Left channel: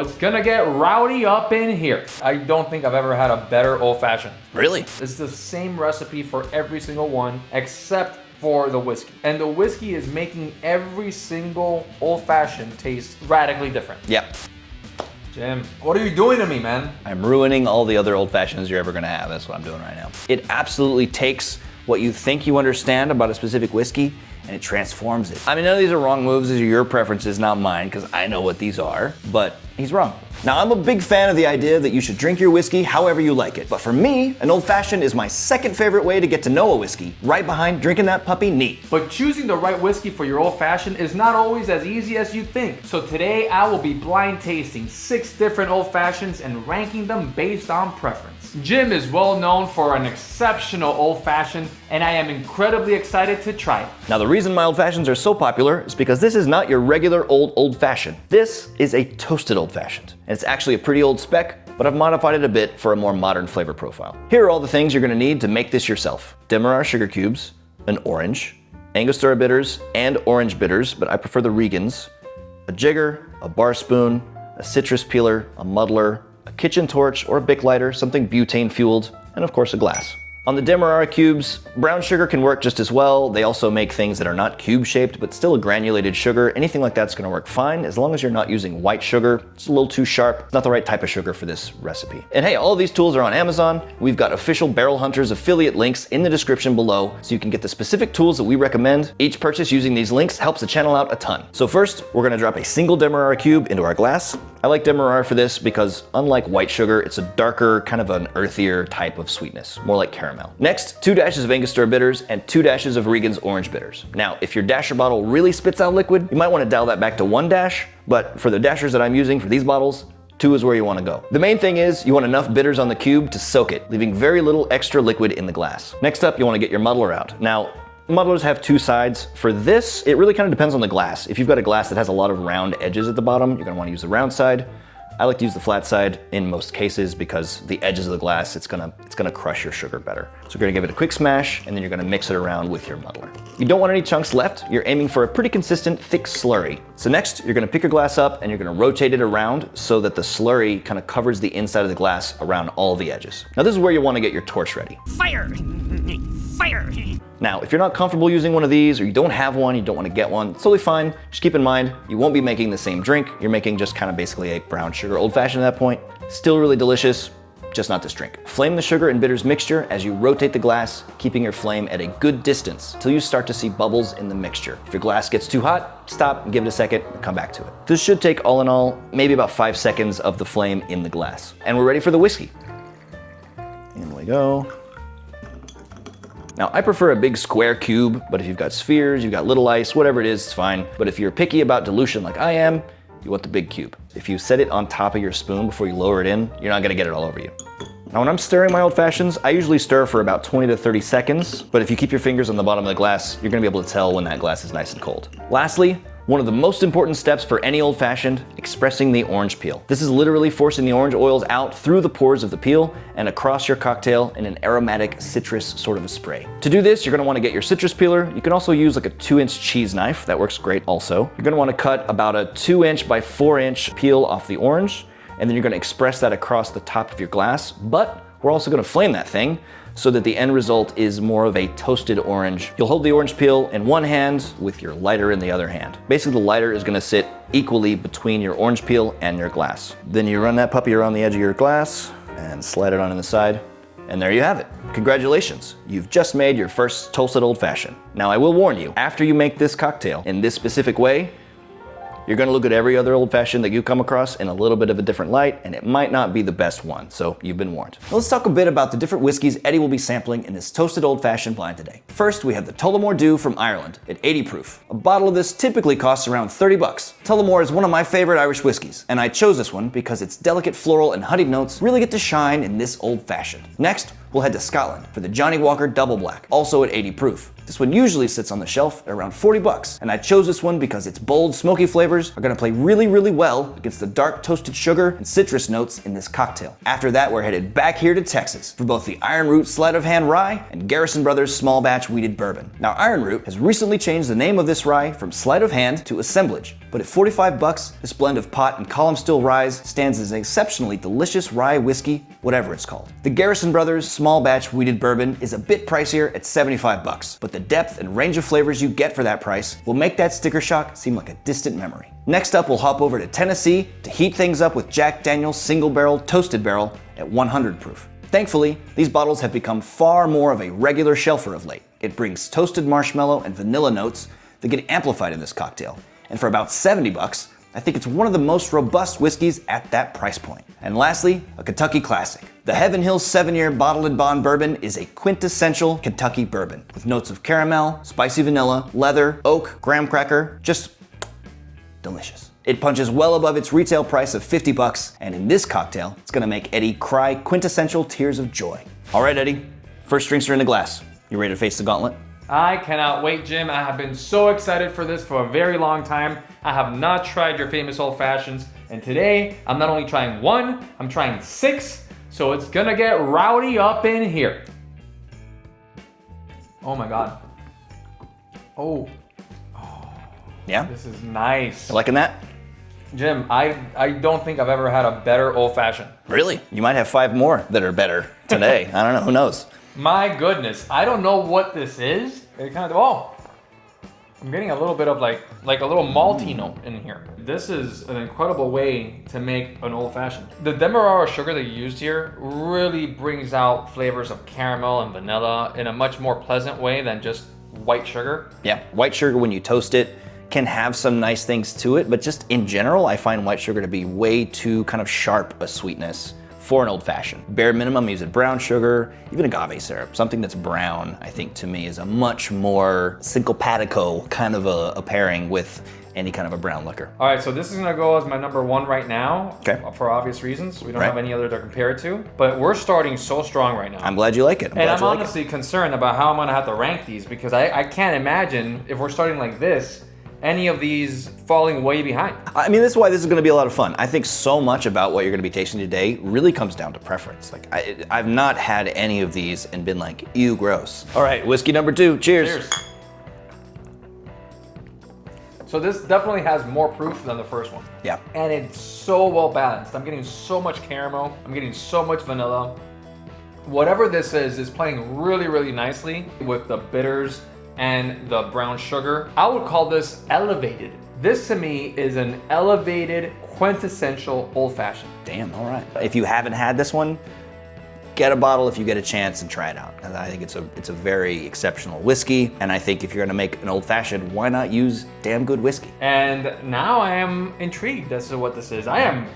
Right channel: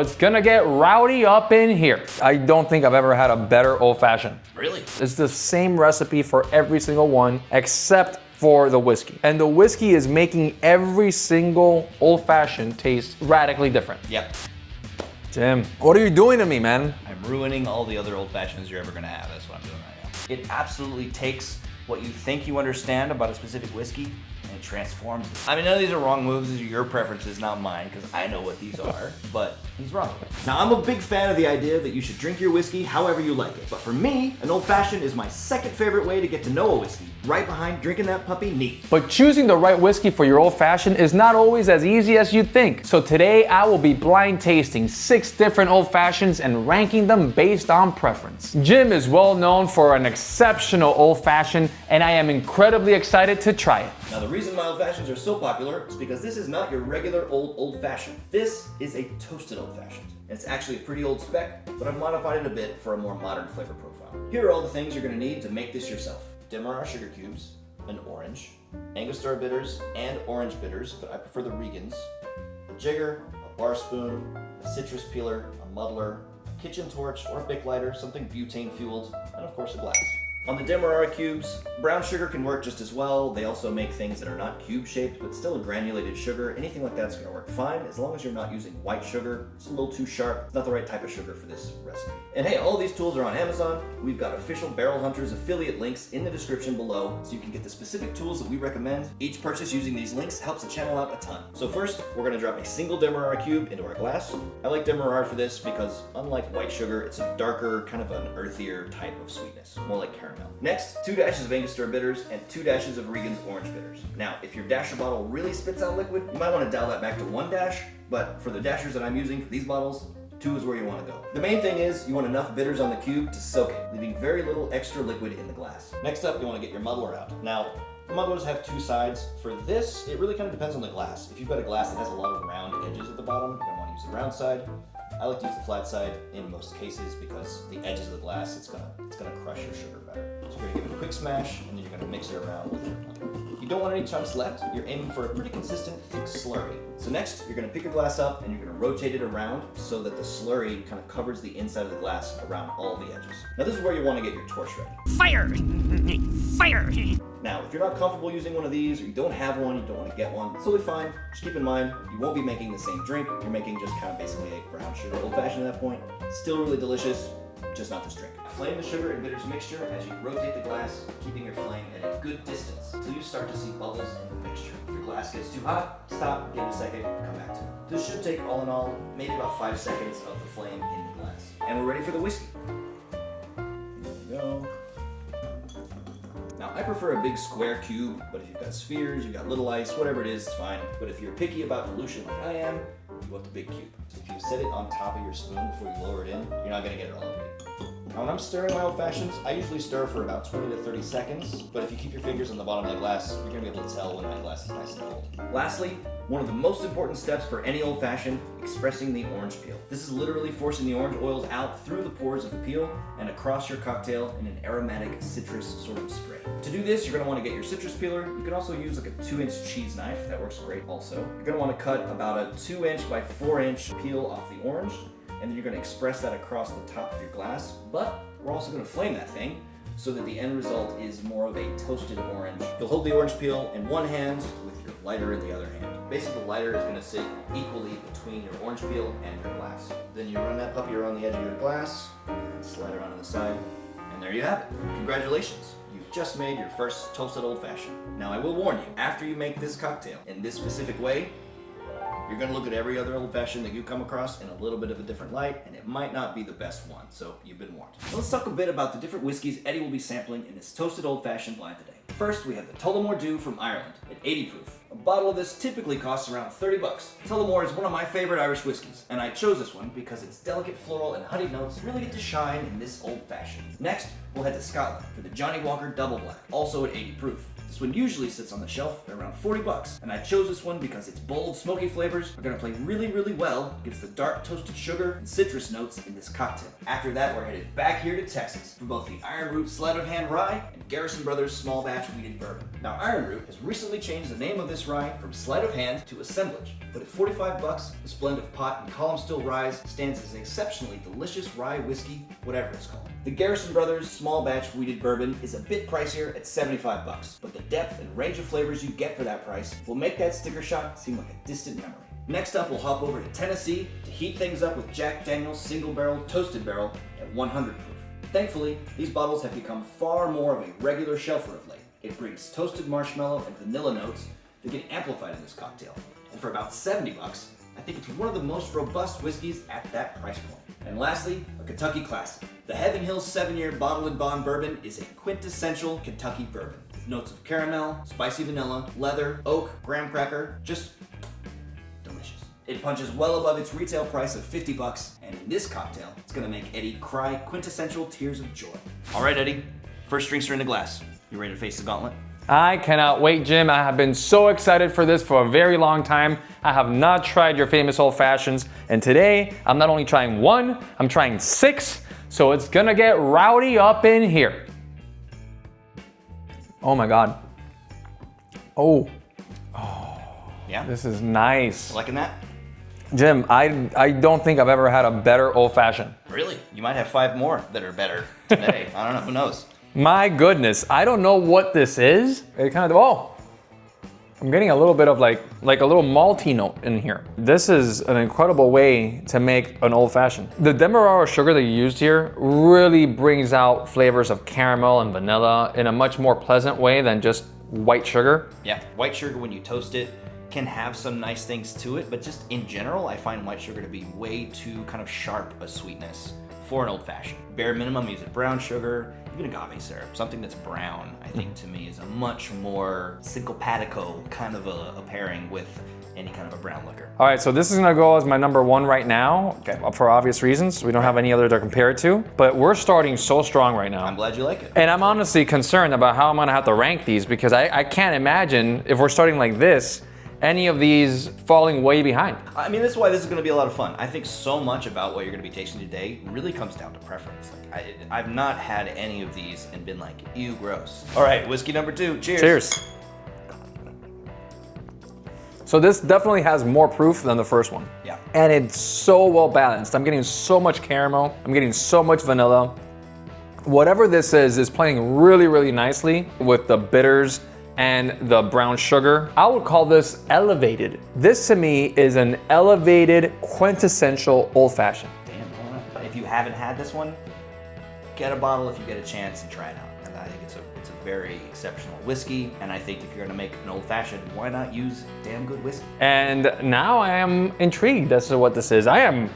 It's gonna get rowdy up in here. I don't think I've ever had a better old fashioned. Really? It's the same recipe for every single one except for the whiskey. And the whiskey is making every single old fashioned taste radically different. Yep. Jim, what are you doing to me, man? I'm ruining all the other old fashions you're ever gonna have. That's what I'm doing right now. It absolutely takes what you think you understand about a specific whiskey and it transforms it. I mean, none of these are wrong moves. These are your preferences, not mine, because I know what these are, but he's wrong. Now, I'm a big fan of the idea that you should drink your whiskey however you like it. But for me, an old fashioned is my second favorite way to get to know a whiskey, right behind drinking that puppy neat. But choosing the right whiskey for your old fashioned is not always as easy as you'd think. So today I will be blind tasting 6 different old fashions and ranking them based on preference. Jim is well known for an exceptional old fashioned, and I am incredibly excited to try it. Now, the reason my old fashions are so popular is because this is not your regular old fashioned. This is a toasted old fashioned. And it's actually a pretty old spec, but I've modified it a bit for a more modern flavor profile. Here are all the things you're gonna need to make this yourself. Demerara sugar cubes, an orange, Angostura bitters and orange bitters, but I prefer the Regens, a jigger, a bar spoon, a citrus peeler, a muddler, a kitchen torch or a Bic lighter, something butane fueled, and of course a glass. On the demerara cubes, brown sugar can work just as well. They also make things that are not cube shaped, but still a granulated sugar. Anything like that's gonna work fine, as long as you're not using white sugar. It's a little too sharp. It's not the right type of sugar for this recipe. And hey, all of these tools are on Amazon. We've got official Barrel Hunters affiliate links in the description below, so you can get the specific tools that we recommend. Each purchase using these links helps the channel out a ton. So first, we're gonna drop a single demerara cube into our glass. I like demerara for this because unlike white sugar, it's a darker, kind of an earthier type of sweetness, more like caramel. Next, 2 dashes of Angostura bitters and 2 dashes of Regen's orange bitters. Now, if your dasher bottle really spits out liquid, you might want to dial that back to 1 dash, but for the dashers that I'm using for these bottles, 2 is where you want to go. The main thing is you want enough bitters on the cube to soak it, leaving very little extra liquid in the glass. Next up, you want to get your muddler out. Now, muddlers have 2 sides. For this, it really kind of depends on the glass. If you've got a glass that has a lot of round edges at the bottom, you're going to want to use the round side. I like to use the flat side in most cases because the edges of the glass, it's gonna crush your sugar better. So we're gonna give it a quick smash and then you're gonna mix it around with your muddler. You don't want any chunks left. You're aiming for a pretty consistent, thick slurry. So next, you're gonna pick your glass up and you're gonna rotate it around so that the slurry kind of covers the inside of the glass around all the edges. Now this is where you wanna get your torch ready. Fire! Fire! Now, if you're not comfortable using one of these or you don't have one, you don't want to get one, it's totally fine. Just keep in mind, you won't be making the same drink. You're making just kind of basically a brown sugar old fashioned at that point. Still really delicious, just not this drink. Flame the sugar and bitters mixture as you rotate the glass, keeping your flame at a good distance until you start to see bubbles in the mixture. If your glass gets too hot, stop and give it a second and come back to it. This should take all in all, maybe about 5 seconds of the flame in the glass. And we're ready for the whiskey. Here we go. Now, I prefer a big square cube, but if you've got spheres, you've got little ice, whatever it is, it's fine. But if you're picky about dilution like I am, you want the big cube. If you set it on top of your spoon before you lower it in, you're not gonna get it all over you. Now, when I'm stirring my old fashions, I usually stir for about 20 to 30 seconds, but if you keep your fingers on the bottom of the glass, you're gonna be able to tell when that glass is nice and cold. Lastly, one of the most important steps for any old fashioned, expressing the orange peel. This is literally forcing the orange oils out through the pores of the peel and across your cocktail in an aromatic citrus sort of a spray. To do this, you're gonna wanna get your citrus peeler. You can also use like a 2-inch cheese knife. That works great also. You're gonna wanna cut about a 2-inch by 4-inch peel off the orange, and then you're gonna express that across the top of your glass, but we're also gonna flame that thing so that the end result is more of a toasted orange. You'll hold the orange peel in one hand with your lighter in the other hand. Basically, the lighter is gonna sit equally between your orange peel and your glass. Then you run that puppy around the edge of your glass and slide it on the side, and there you have it. Congratulations, you've just made your first toasted old fashioned. Now I will warn you, after you make this cocktail in this specific way, you're gonna look at every other old fashioned that you come across in a little bit of a different light, and it might not be the best one, so you've been warned. Let's talk a bit about the different whiskeys Eddie will be sampling in this toasted old fashioned blind today. First, we have the Tullamore Dew from Ireland at 80 proof. A bottle of this typically costs around 30 bucks. Tullamore is one of my favorite Irish whiskeys, and I chose this one because its delicate floral and honeyed notes really get to shine in this old fashioned. Next, we'll head to Scotland for the Johnnie Walker Double Black, also at 80 proof. This one usually sits on the shelf at around 40 bucks, and I chose this one because its bold, smoky flavors are gonna play really, really well against the dark toasted sugar and citrus notes in this cocktail. After that, we're headed back here to Texas for both the Ironroot Sleight of Hand Rye and Garrison Brothers Small Batch Wheated Bourbon. Now, Ironroot has recently changed the name of this rye from Sleight of Hand to Assemblage, but at 45 bucks, this blend of pot and column still ryes stands as an exceptionally delicious rye whiskey, whatever it's called. The Garrison Brothers Small Batch Wheated Bourbon is a bit pricier at 75 bucks, but the depth and range of flavors you get for that price will make that sticker shock seem like a distant memory. Next up, we'll hop over to Tennessee to heat things up with Jack Daniel's Single Barrel Toasted Barrel at 100 proof. Thankfully, these bottles have become far more of a regular shelfer of late. It brings toasted marshmallow and vanilla notes that get amplified in this cocktail. And for about 70 bucks, I think it's one of the most robust whiskeys at that price point. And lastly, a Kentucky classic. The Heaven Hills 7-Year Bottled and Bond Bourbon is a quintessential Kentucky bourbon with notes of caramel, spicy vanilla, leather, oak, graham cracker, just delicious. It punches well above its retail price of 50 bucks, and in this cocktail, it's gonna make Eddie cry quintessential tears of joy. All right, Eddie, first drinks are in the glass. You ready to face the gauntlet? I cannot wait, Jim. I have been so excited for this for a very long time. I have not tried your famous old fashions, and today I'm not only trying one, I'm trying 6, so it's gonna get rowdy up in here. Oh my God. Oh, Yeah? this is nice. You liking that? Jim, I don't think I've ever had a better old fashioned. Really? You might have 5 more that are better today. I don't know, who knows? My goodness, I don't know what this is. It kind of, oh, I'm getting a little bit of like a little malty note in here. This is an incredible way to make an old fashioned. The demerara sugar that you used here really brings out flavors of caramel and vanilla in a much more pleasant way than just white sugar. Yeah, white sugar when you toast it can have some nice things to it, but just in general, I find white sugar to be way too kind of sharp a sweetness for an old fashioned. Bare minimum, use it brown sugar, even agave syrup. Something that's brown, I think to me is a much more syncopatico kind of a pairing with any kind of a brown liquor. All right, so this is gonna go as my number 1 right now, Okay. for obvious reasons. We don't have any other to compare it to, but we're starting so strong right now. I'm glad you like it. And I'm honestly concerned about how I'm gonna have to rank these because I can't imagine if we're starting like this, any of these falling way behind. I mean, this is why this is gonna be a lot of fun. I think so much about what you're gonna be tasting today really comes down to preference. Like, I've not had any of these and been like, ew, gross. All right, whiskey number 2, cheers. Cheers. So this definitely has more proof than the first one. Yeah. And it's so well balanced. I'm getting so much caramel, I'm getting so much vanilla. Whatever this is playing really, really nicely with the bitters and the brown sugar. I would call this elevated. This to me is an elevated, quintessential old fashioned. Damn, all right. If you haven't had this one, get a bottle if you get a chance and try it out. And I think it's a very exceptional whiskey. And I think if you're gonna make an old fashioned, why not use damn good whiskey? And now I am intrigued as to what this is. I'm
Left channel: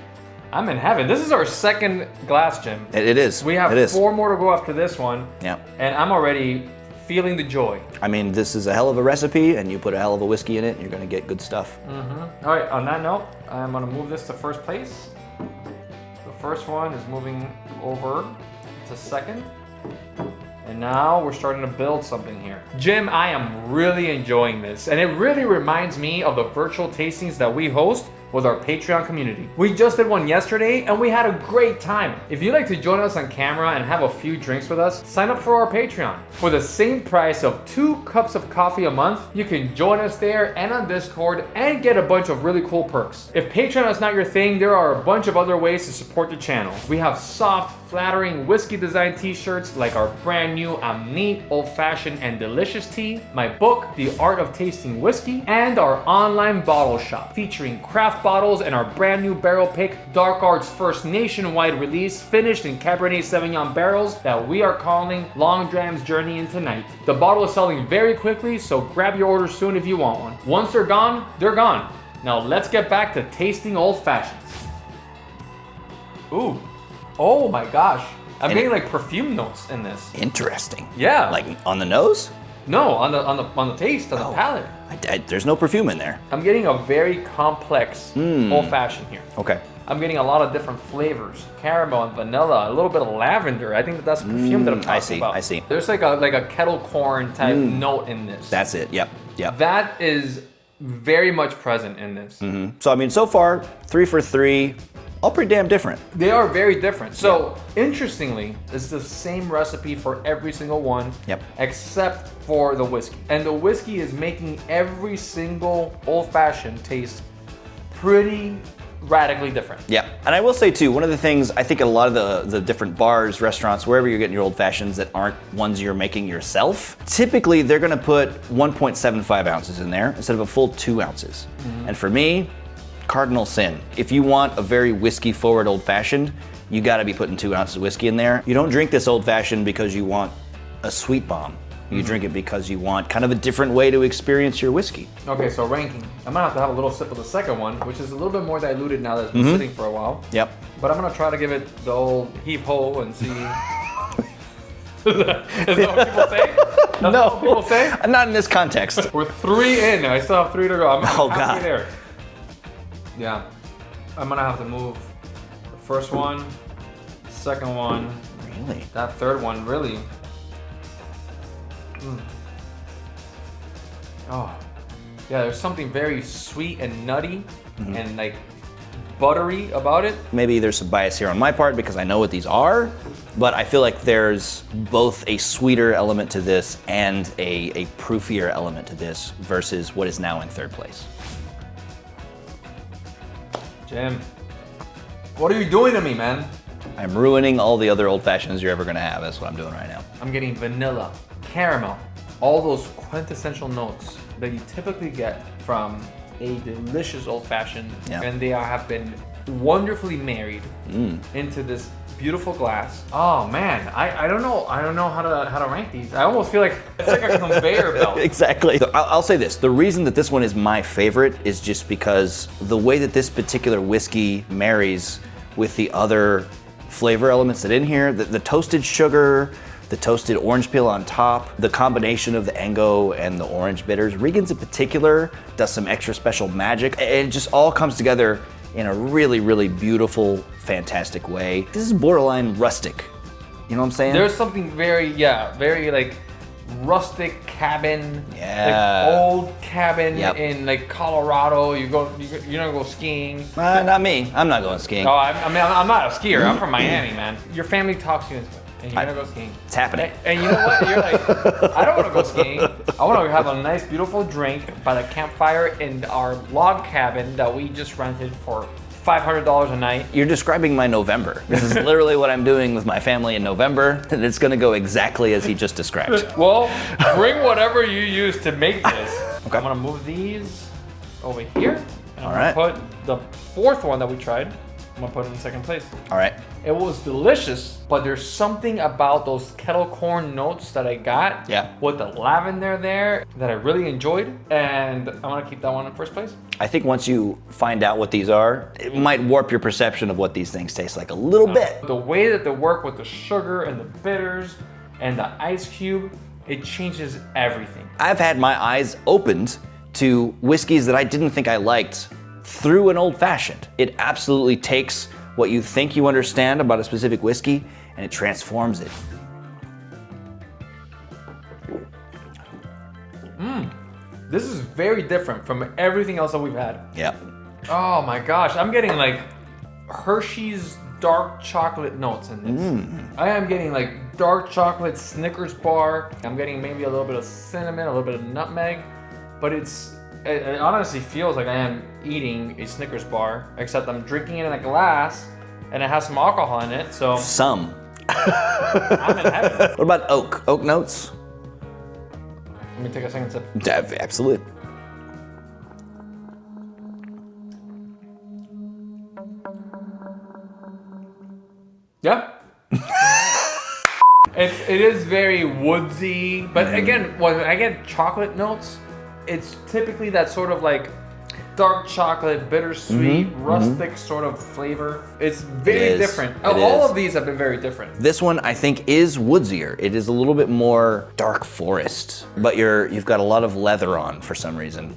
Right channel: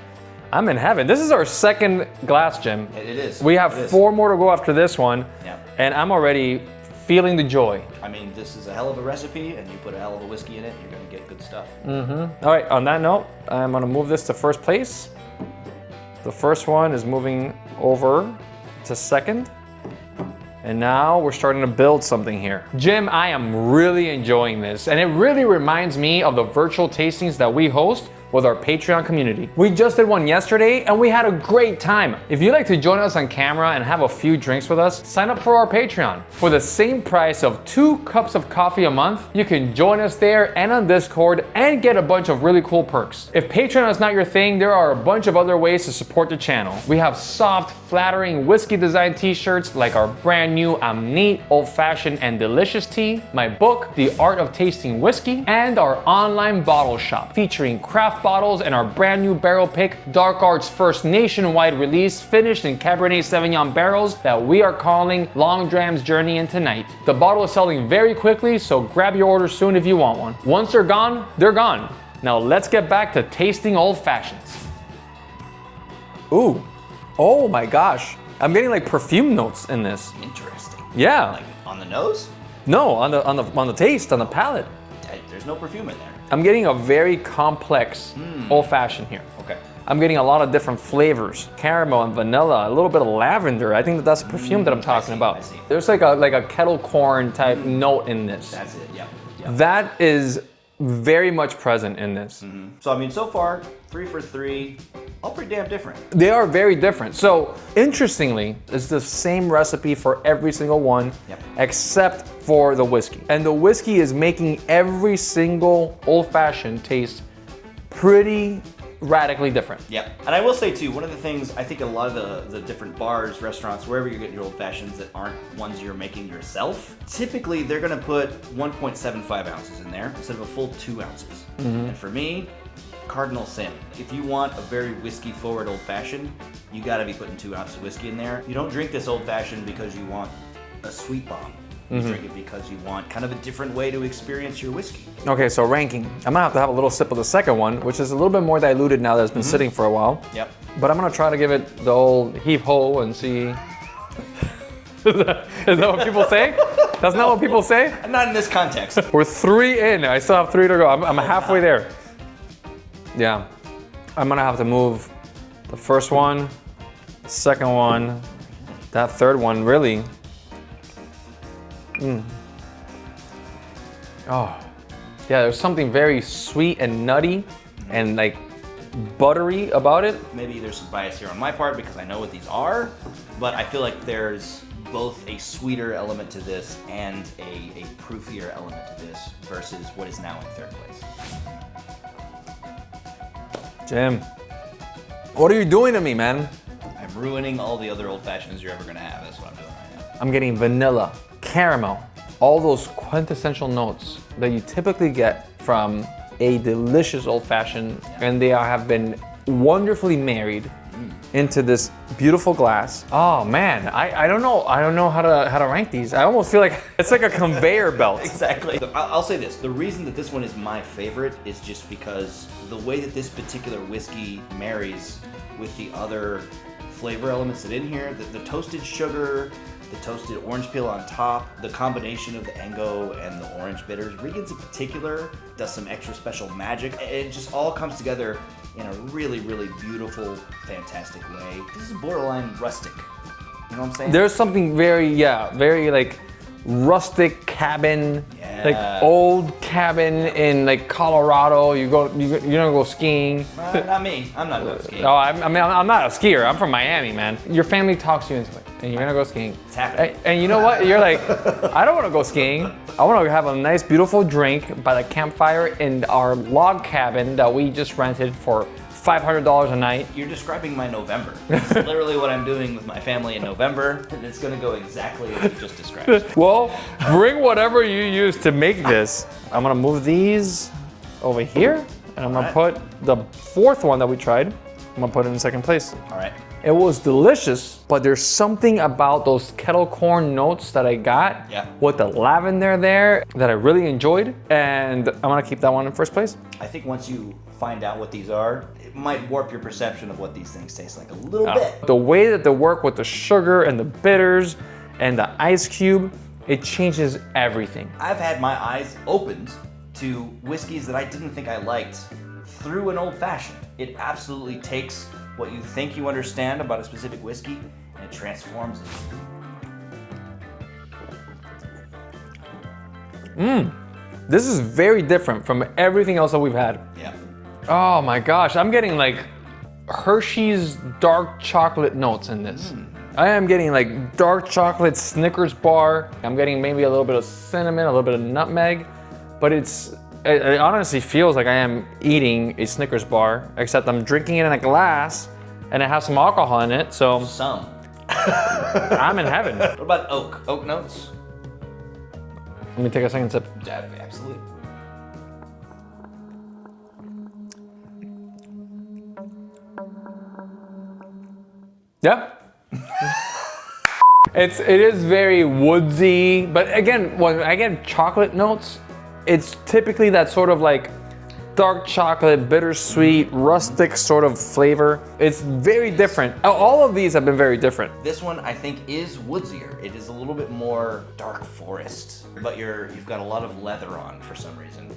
in heaven. This is our second glass, Jim. It is. We have It is. 4 more to go after this one. Yeah. And I'm already feeling the joy. I mean, this is a hell of a recipe, and you put a hell of a whiskey in it, you're gonna get good stuff. All right, on that note, I'm gonna move this to first place. The first one is moving over to second. And now we're starting to build something here. Jim, I am really enjoying this, and it really reminds me of the virtual tastings that we host with our Patreon community. We just did one yesterday and we had a great time. If you'd like to join us on camera and have a few drinks with us, sign up for our Patreon. For the same price of 2 cups of coffee a month, you can join us there and on Discord and get a bunch of really cool perks. If Patreon is not your thing, there are a bunch of other ways to support the channel. We have soft, flattering whiskey design t-shirts like our brand new I'm Neat, Old Fashioned and Delicious tea, my book, The Art of Tasting Whiskey, and our online bottle shop featuring craft bottles and our brand new barrel pick, Dark Art's first nationwide release finished in Cabernet Sauvignon barrels that we are calling Long Dram's Journey into Night. The bottle is selling very quickly, so grab your order soon if you want one. Once they're gone, they're gone. Now let's get back to tasting old fashions. Ooh, oh my gosh. I'm getting like perfume notes in this. Interesting. Yeah. Like on the nose? No, on the taste, on the palate. There's no perfume in there. I'm getting a very complex old fashioned here. Okay. I'm getting a lot of different flavors. Caramel and vanilla, a little bit of lavender. I think that's perfume that I'm talking about. I see. There's like a kettle corn type note in this. That's it, yep. That is very much present in this. So I mean, so far, 3 for 3, all pretty damn different. They are very different. So interestingly, it's the same recipe for every single one, except for the whiskey. And the whiskey is making every single old fashioned taste pretty radically different. Yeah, and I will say too, one of the things I think a lot of the different bars, restaurants, wherever you're getting your old fashions that aren't ones you're making yourself, typically they're gonna put 1.75 ounces in there instead of a full 2 ounces. And for me, cardinal sin. If you want a very whiskey forward old fashioned, you gotta be putting 2 ounces of whiskey in there. You don't drink this old fashioned because you want a sweet bomb. You drink it because you want kind of a different way to experience your whiskey. Okay, so ranking. I'm gonna have to have a little sip of the second one, which is a little bit more diluted now that's been sitting for a while. Yep. But I'm gonna try to give it the old heave-ho and see. Is that what people say? That's not what people say? Not in this context. We're 3 in, I still have 3 to go. I'm halfway there. Yeah, I'm gonna have to move the first one, second one, Really? that third one, really. Oh, yeah, there's something very sweet and nutty and like buttery about it. Maybe there's some bias here on my part because I know what these are, but I feel like there's both a sweeter element to this and a proofier element to this versus what is now in third place. Jim, what are you doing to me, man? I'm ruining all the other old fashions you're ever gonna have. That's what I'm doing right now. I'm getting vanilla, caramel, all those quintessential notes that you typically get from a delicious old fashioned, and they have been wonderfully married into this beautiful glass. Oh man, I don't know how to rank these. I almost feel like it's like a conveyor belt. Exactly. I'll say this, the reason that this one is my favorite is just because the way that this particular whiskey marries with the other flavor elements that in here, the toasted sugar, the toasted orange peel on top, the combination of the Ango and the orange bitters. Regen's in particular does some extra special magic. It just all comes together in a really, really beautiful, fantastic way. This is borderline rustic. You know what I'm saying? There's something very like rustic cabin, Yeah. like old cabin in like Colorado. You're gonna go skiing. Not me. I'm not going skiing. Oh, I'm not a skier. I'm from Miami, man. Your family talks to you and you're gonna go skiing. It's happening. And you know what? You're like, I don't want to go skiing. I want to have a nice, beautiful drink by the campfire in our log cabin that we just rented for $500 a night. You're describing my November. This is literally what I'm doing with my family in November, and it's gonna go exactly as he just described. Well, bring whatever you use to make this. Okay, I'm gonna move these over here, and I'm gonna put the fourth one that we tried. I'm gonna put it in second place. All right. It was delicious, but there's something about those kettle corn notes that I got with the lavender there that I really enjoyed, and I'm gonna keep that one in first place. I think once you find out what these are, it might warp your perception of what these things taste like a little bit. The way that they work with the sugar and the bitters and the ice cube, it changes everything. I've had my eyes opened to whiskeys that I didn't think I liked through an old fashioned. It absolutely takes what you think you understand about a specific whiskey and it transforms it. This is very different from everything else that we've had. Yep. Oh my gosh, I'm getting like Hershey's dark chocolate notes in this. I am getting like dark chocolate Snickers bar. I'm getting maybe a little bit of cinnamon, a little bit of nutmeg, but it honestly feels like I am eating a Snickers bar, except I'm drinking it in a glass and it has some alcohol in it, so Some. I'm in heaven. What about oak? Oak notes? Let me take a second sip. Absolutely. Yep. It is very woodsy, but again, when I get chocolate notes, it's typically that sort of like dark chocolate, bittersweet, rustic sort of flavor. It's very different. All of these have been very different. This one I think is woodsier. It is a little bit more dark forest, but you've got a lot of leather on for some reason.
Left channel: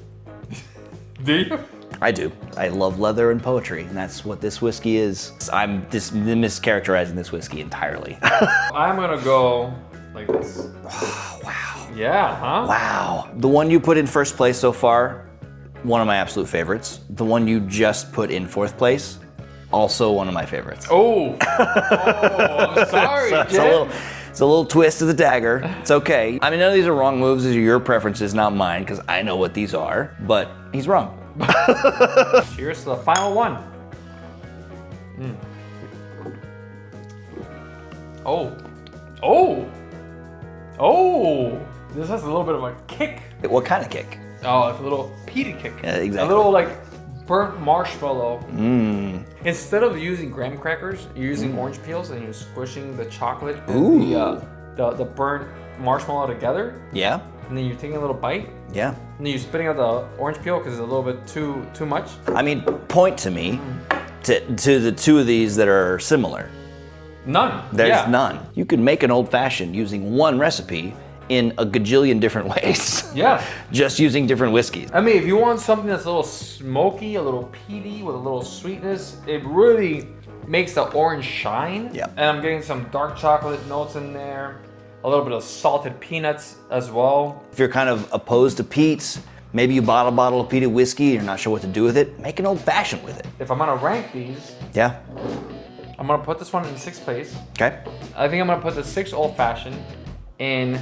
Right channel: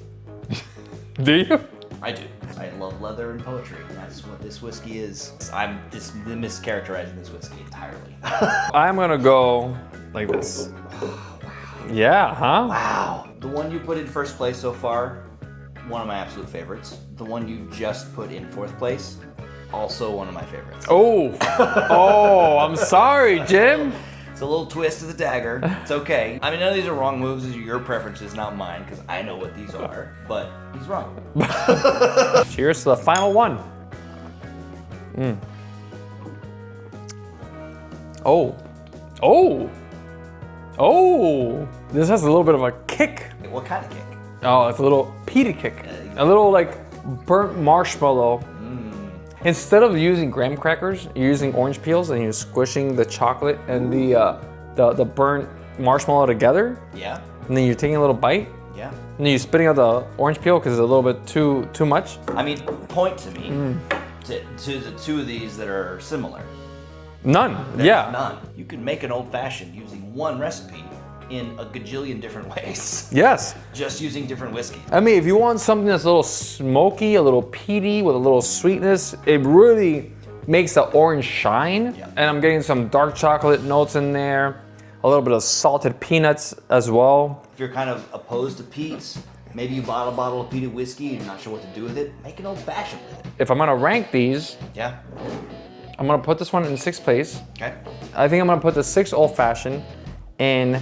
Do you? I do. I love leather and poetry, and that's what this whiskey is. I'm mischaracterizing this whiskey entirely. I'm gonna go like this. Oh, wow. Yeah, huh? Wow. The one you put in first place so far, one of my absolute favorites. The one you just put in fourth place, also one of my favorites. Oh, I'm sorry, Jim. It's a little twist of the dagger. It's okay. I mean, none of these are wrong moves. These are your preferences, not mine, because I know what these are, but he's wrong. Cheers to the final one. Oh. This has a little bit of a kick. What kind of kick? Oh, it's a little peaty kick. Yeah, exactly. A little like burnt marshmallow. Instead of using graham crackers, you're using orange peels and you're squishing the chocolate and the burnt marshmallow together. Yeah. And then you're taking a little bite. Yeah. And then you're spitting out the orange peel because it's a little bit too much. I mean, point to me to the two of these that are similar. None. There's none. You can make an old fashioned using one recipe in a gajillion different ways. Yes. Just using different whiskeys. I mean, if you want something that's a little smoky, a little peaty, with a little sweetness, it really makes the orange shine. Yep. And I'm getting some dark chocolate notes in there, a little bit of salted peanuts as well. If you're kind of opposed to peats, maybe you bought a bottle of peated whiskey and you're not sure what to do with it, make an old fashioned with it. If I'm gonna rank these, Yeah. I'm gonna put this one in sixth place. Okay. I think I'm gonna put the 6 Old Fashioned in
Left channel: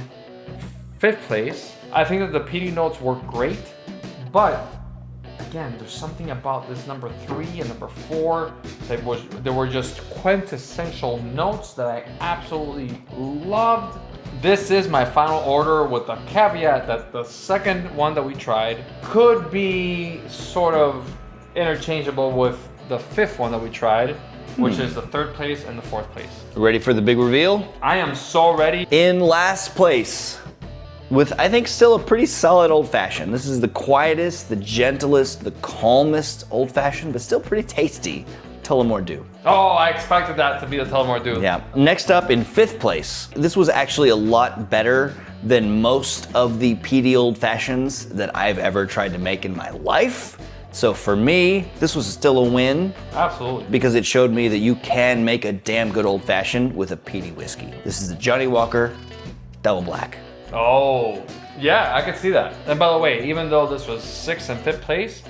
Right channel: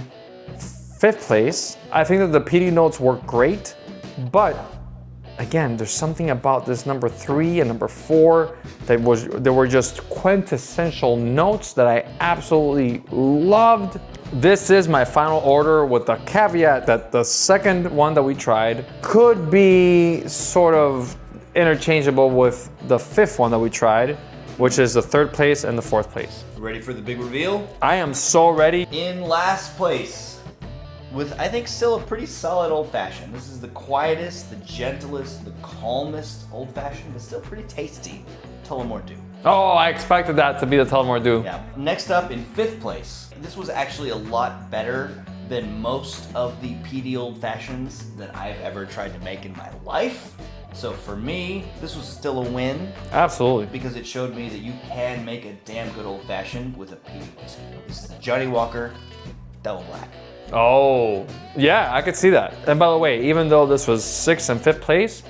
fifth place. I think that the peaty notes work great, but again, there's something about this number 3 and number 4 that were just quintessential notes that I absolutely loved. This is my final order with the caveat that the second one that we tried could be sort of interchangeable with the 5th one that we tried, which is the 3rd place and the 4th place. Ready for the big reveal? I am so ready. In last place, with I think still a pretty solid old fashioned. This is the quietest, the gentlest, the calmest old fashioned, but still pretty tasty. Tullamore Dew. Oh, I expected that to be the Tullamore Dew. Yeah. Next up in 5th place, this was actually a lot better than most of the peaty old fashions that I've ever tried to make in my life. So for me, this was still a win. Absolutely. Because it showed me that you can make a damn good old fashioned with a peaty whiskey. This is the Johnnie Walker Double Black. Oh, yeah, I could see that. And by the way, even though this was 6th and 5th place,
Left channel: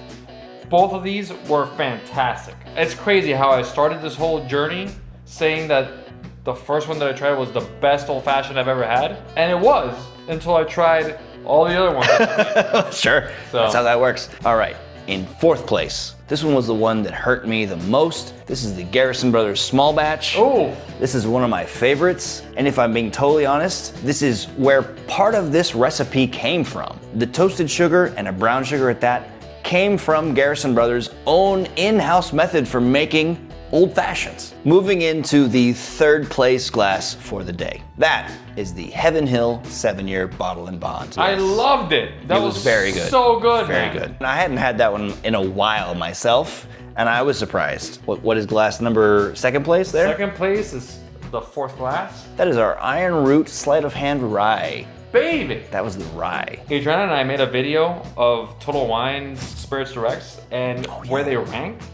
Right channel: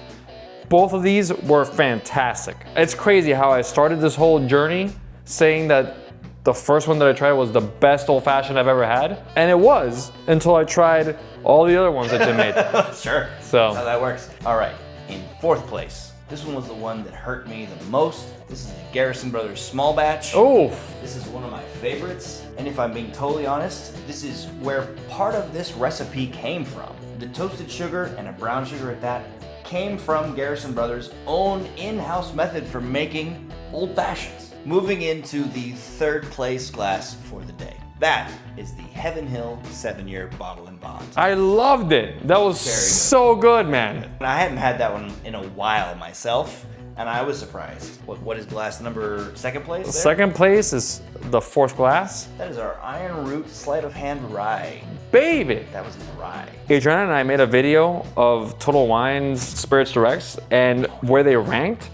both of these were fantastic. It's crazy how I started this whole journey saying that the first one that I tried was the best old fashioned I've ever had. And it was until I tried all the other ones that they made. Sure, So. that's how that works. All right, in 4th place, this one was the one that hurt me the most. This is the Garrison Brothers Small Batch. Ooh. This is one of my favorites. And if I'm being totally honest, this is where part of this recipe came from. The toasted sugar and a brown sugar at that came from Garrison Brothers' own in-house method for making old fashions. Moving into the 3rd place glass for the day. That is the Heaven Hill 7-year bottle and bond. I loved it. That was very good. so good, Very man. good. I hadn't had that one in a while myself, and I was surprised. What is glass number 2nd place there? 2nd place is the 4th glass. That is our Ironroot Sleight of Hand Rye. Baby. That was the rye. Adriana and I made a video of Total Wine's Spirits Directs and where they ranked.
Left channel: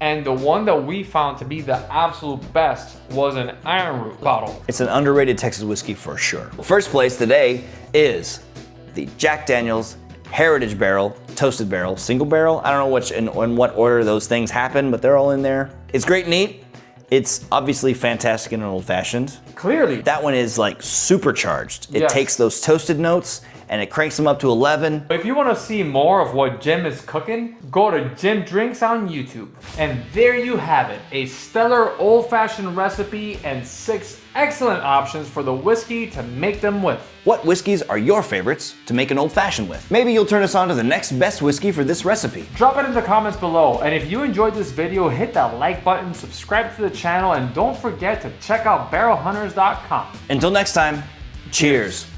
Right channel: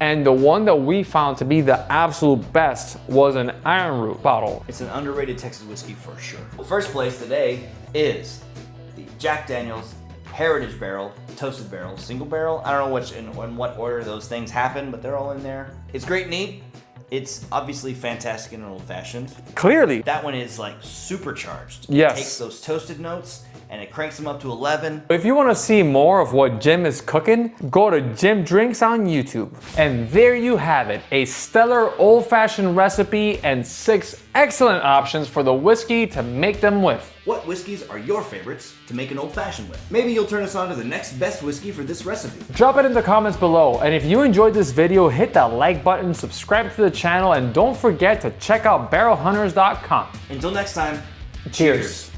And the one that we found to be the absolute best was an Ironroot bottle. It's an underrated Texas whiskey for sure. First place today is the Jack Daniel's Heritage Barrel, Toasted Barrel, Single Barrel. I don't know which in what order those things happen, but they're all in there. It's great and neat. It's obviously fantastic in an old fashioned. Clearly. That one is like supercharged. It Yes. takes those toasted notes and it cranks them up to 11. If you want to see more of what Jim is cooking, go to Jim Drinks on YouTube. And there you have it, a stellar old-fashioned recipe and 6 excellent options for the whiskey to make them with. What whiskeys are your favorites to make an old fashioned with? Maybe you'll turn us on to the next best whiskey for this recipe. Drop it in the comments below, and if you enjoyed this video, hit that like button, subscribe to the channel, and don't forget to check out barrelhunters.com. Until next time, cheers.